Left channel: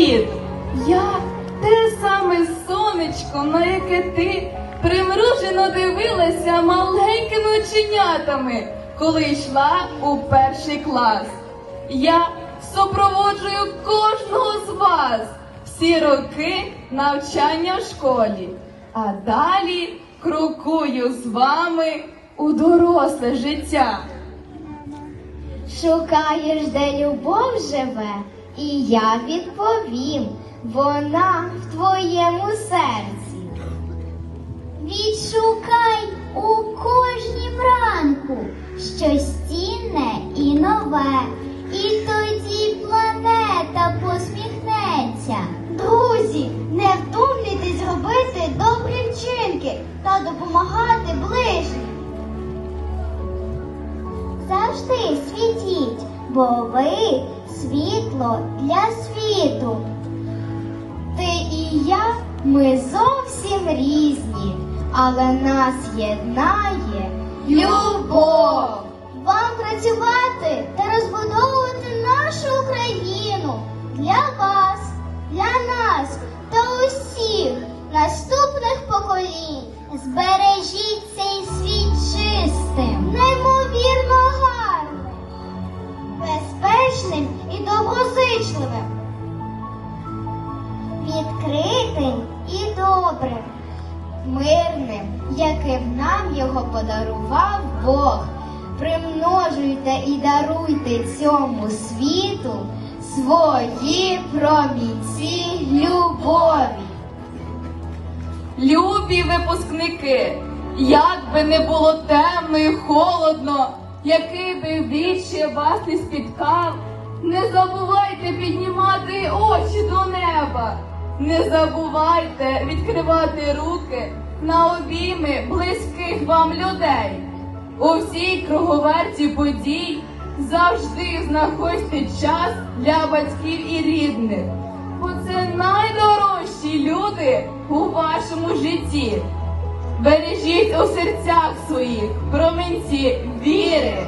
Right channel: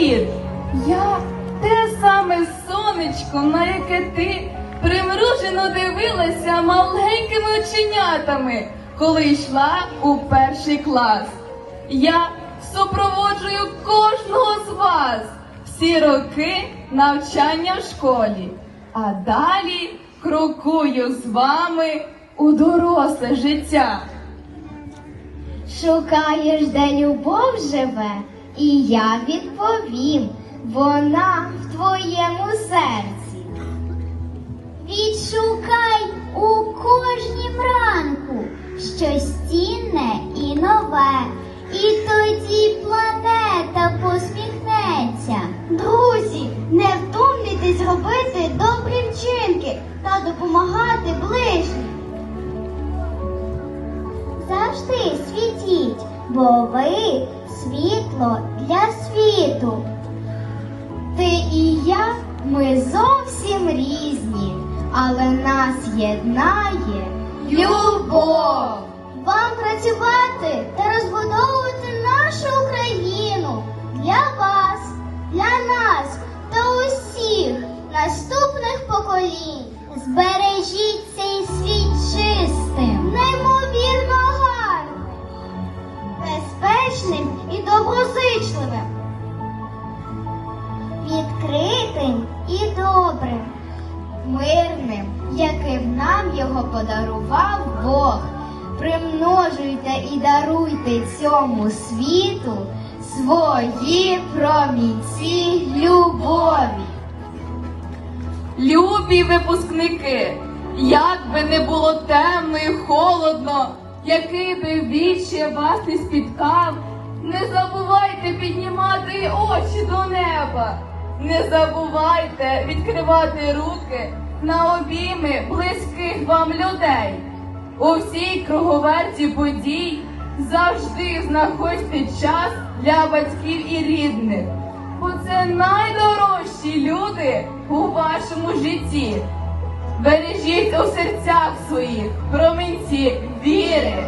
світ. Я те саме сонечко, на яке ти примружено дивилася маленькими оченятами, коли йшла у перший клас. Я супроводжую кожного з вас всі роки навчання в школі, а далі крокую з вами у доросле життя. Шукаєш, де любов живе, і я відповім, вона в твоєму серці. Відшукай у кожнім ранку щось цінне і нове, і тоді планета посміхнеться. Друзі, не втомлюйтесь робити добрі вчинки та допомагати ближнім. Завжди світіть, бо ви світло для світу. Ти і я, ми зовсім різні, але нас єднає любов. Вам працювати та розбудовувати нашу Україну для вас, для нас та усіх наступних поколінь. Збережіть мирним, яким нам його подарував Бог. Примножуйте і даруйте цьому світу свої промінці любові. Любі випускники, як би не було темно і холодно, який би віче вас не спіткав, не забувайте піднімати очі до неба, не забувайте відкривати руки на обійми близьких вам людей. У всій круговерті подій завжди знаходьте час для батьків і рідних, бо це найдорожчі люди у вашому житті. Бережіть у серцях своїх промінці віри.